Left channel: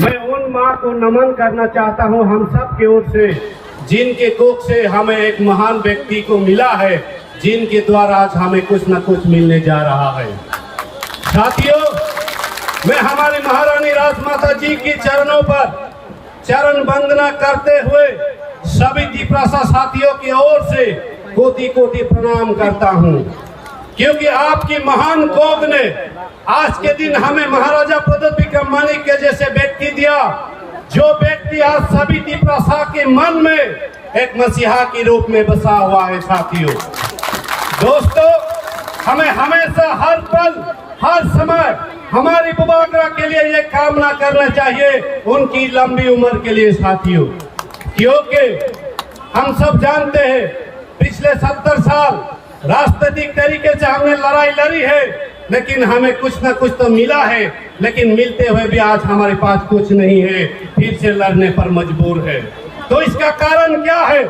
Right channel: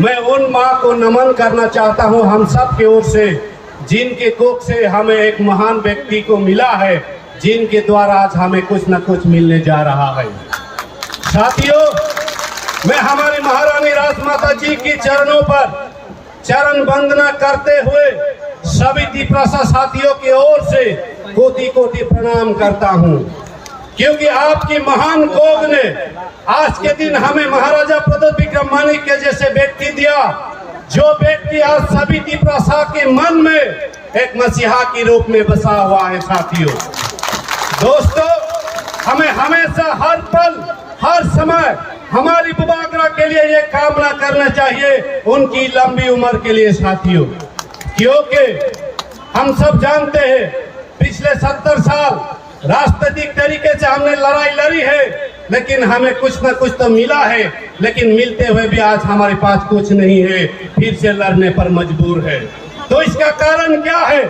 मैं उन माँ को नमन करना चाहता हूँ हम सब की ओर से, जिनके कोख से हमें एक महान व्यक्ति को मिला है, जिनके द्वारा आज हमें कुछ न कुछ मिलने जा रहा है। साथियों, मैं हमारी महारानी राजमाता जी की चरणों पर चरण वंदना करते हुए सभी दीपरासा साथियों की ओर से कोटि कोटि प्रणाम करता हूं, क्योंकि आपकी महान कोख ने आज के दिन हमें महाराजा प्रदोत विक्रम मानिक के जैसे व्यक्ति दिया, जो व्यक्ति आज सभी दीपरासा के मन में एक मसीहा के रूप में बसा हुआ है। साथियों, दोस्तों, हमें हमेशा हर पल हर समय हमारी बुबागरा के लिए ये कामना करना चाहिए, उनकी लंबी उम्र के लिए। साथियों, क्योंकि हम सब जानते हैं पिछले 70 साल राजनीतिक तरीके से हमने लड़ाई लड़ी है, लेकिन हमें कुछ ना कुछ तो मिला है, लेकिन मिलते हुए भी आज हमारे पास कुछ नहीं है, फिर से लड़ने पर मजबूर है। तो इसका कारण क्या है?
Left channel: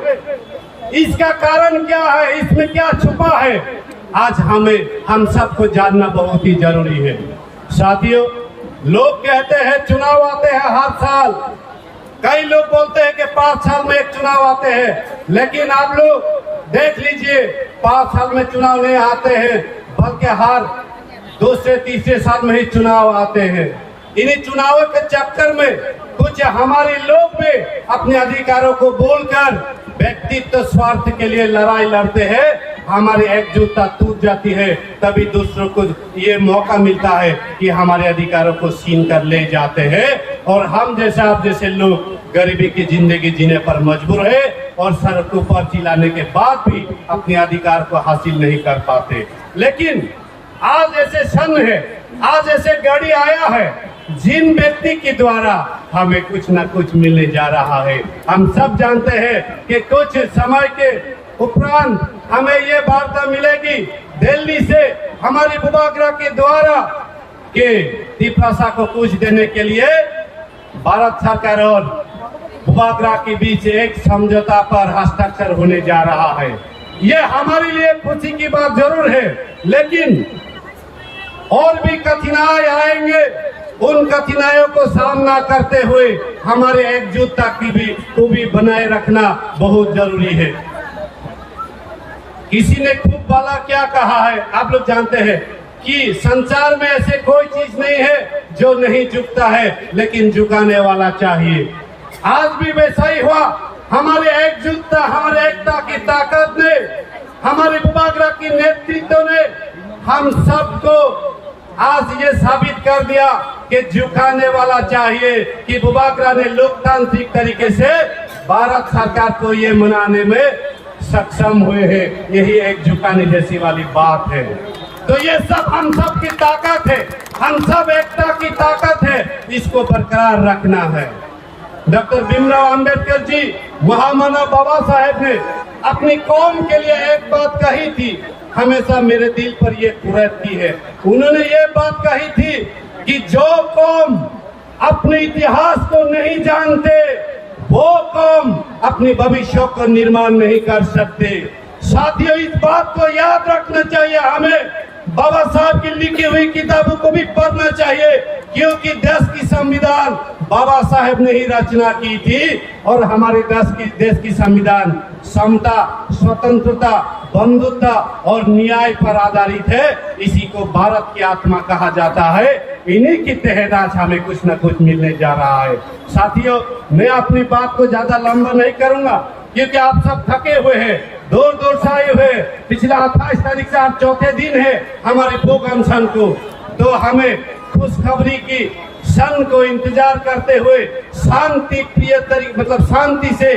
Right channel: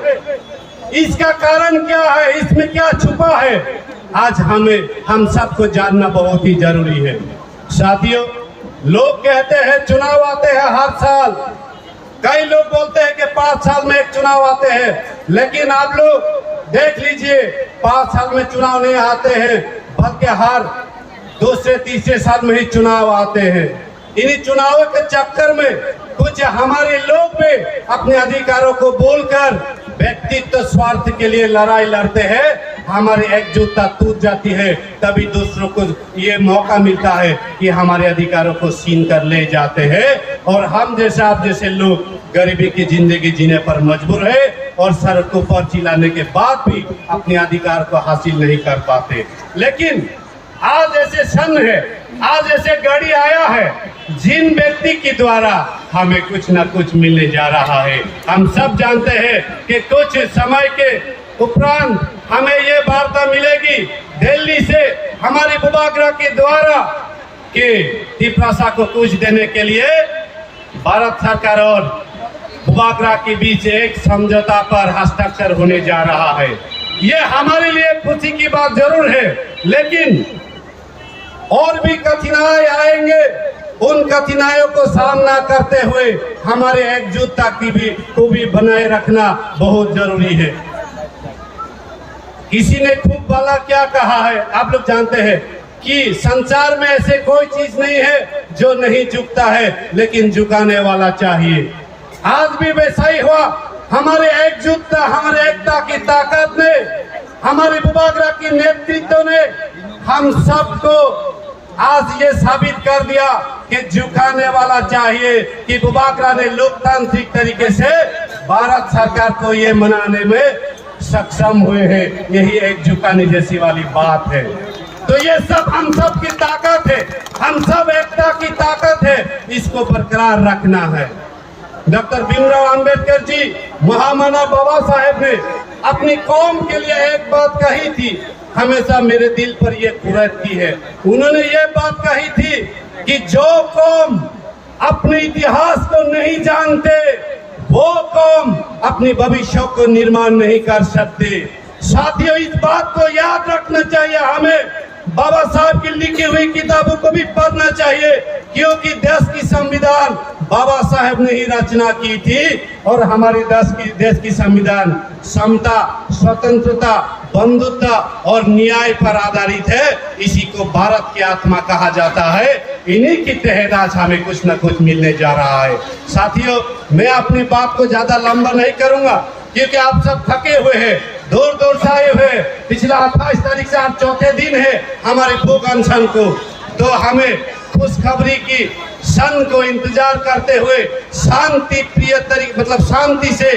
इसका कारण क्या है? इसमें क्या छुपा है? आज हम सबको जानना बहुत ही जरूरी है। साथियों, लोग कहते हैं चुनाव आते हैं हर साल, कई लोग बोलते हैं कि 5 साल में एक चुनाव आते हैं, लेकिन आप लोग देख लीजिए 5 साल में चुनाव नहीं आते हैं, बल्कि हर दूसरे तीसरे साल में ही चुनाव आते हैं। इन्हीं चुनावों के चक्कर में कुछ हमारे लोग भी अपने अधिकारों को बोलकर व्यक्तित्व स्वार्थ के लिए लड़ाई लड़ते हैं, हमारी एकजुटता टूट जाती है, तभी दूसरों को ये मौका मिलता है कि हमारे अधिकारों को छीन कर ले जाते हैं, और हम जैसे आप जैसे लोग गरीबी की जिंदगी जीने पर मजबूर है और सड़कों पर चिल्लाने के बाद भी अपने अधिकार को हासिल नहीं कर पाते। लेकिन आज ऐसे क्षण है, आज ऐसे घड़ी आया है, जिन व्यक्ति के द्वारा हमें कुछ न कुछ मिलने जा रहा है। हम सब जानते हैं कि कुछ समय के उपरांत हमें ये वार्ता मिलेगी दिल्ली से, हमारी बुबागरा के द्वारा कि दीपरासा को कुछ देने के लिए भारत सरकार और बुबागरा के बीच एक समझौता पर हस्ताक्षर होने जा रहा है। ये हमारे लिए खुशी की बात जरूर है, लेकिन और भी कठिनाई आएंगे। उन कठिनाइयों को सामना करते हुए हमारे एकजुटता को भी बनाए रखना बहुत जरूरी है। किसी ने खूब वाला क्या कहा है, आप लोग जानते हैं कि संसार में ऐसे कोई चीज नहीं है जो नहीं झुकता है, लेकिन झुकाने वाला चाहिए। आज भी वैसा ही हुआ। हमारे एकजुटता, हमारे एकता की ताकत ने, हमारे बुबागरा की नेतृत्व ने हम सबको आज ये साबित कर दिया कि झुकाने वाला चाहिए, कि बुबागरा ने लोकतांत्रिक तरीके से भारत सरकार को ये मनाने में सक्षम हुए हैं। यही एक झुकाने जैसी वाली बात है। तो ये सब हम सब की ताकत है, हम सब एकता की ताकत है, इसको बरकरार रखना है। डॉक्टर भीमराव अंबेडकर जी, महामानव बाबा साहेब ने अपनी कौम के लिए एक बात कही थी, हमेशा मेरे दिल पर ये खुरद की है। उन्होंने ये बात कही थी कि जो कौम अपने इतिहास को नहीं जानते, वो कौम अपने भविष्य को निर्माण नहीं कर सकते। साथियों, इस बात को याद रखना चाहिए। हमें बाबा साहब की लिखी हुई किताबों को भी पढ़ना चाहिए, क्योंकि देश की संविधान बाबा साहब ने ही रचना की थी, और हमारे देश की संविधान समता, स्वतंत्रता, बंधुत्व और न्याय पर आधारित है। इसी को भारत की आत्मा कहा जाता है। इन्हीं की तहत आज हमें कुछ न कुछ मिलने जा रहा है। साथियों, मैं अपनी बात को ज्यादा लंबा नहीं करूंगा, क्योंकि आप सब थके हुए हैं, दूर दूर से आए हुए। पिछला 28 तारीख से आज चौथे दिन है हमारे भूख अनशन को, तो हमें खुशखबरी की क्षण को इंतजार करते हुए शांति प्रिय तरीके, मतलब शांति से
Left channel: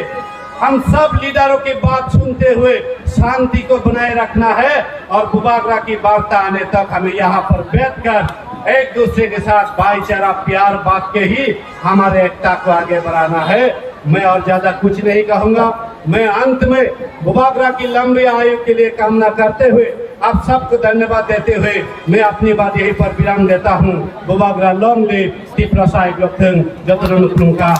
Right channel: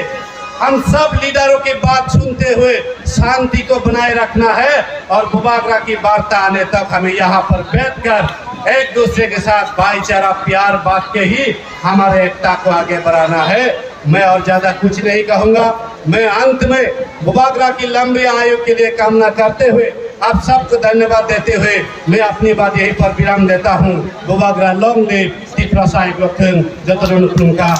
हम सब लीडरों की बात सुनते हुए शांति को बनाए रखना है, और बुबागरा की वार्ता आने तक हमें यहाँ पर बैठकर एक दूसरे के साथ भाईचारा प्यार बांट के ही हमारे एकता को आगे बढ़ाना है। मैं और ज्यादा कुछ नहीं कहूँगा। मैं अंत में बुबागरा की लंबी आयु के लिए कामना करते हुए आप सबको धन्यवाद देते हुए मैं अपनी बात यहीं पर विराम देता हूँ। बुबागरा लॉन्ग लिव दीपरासा का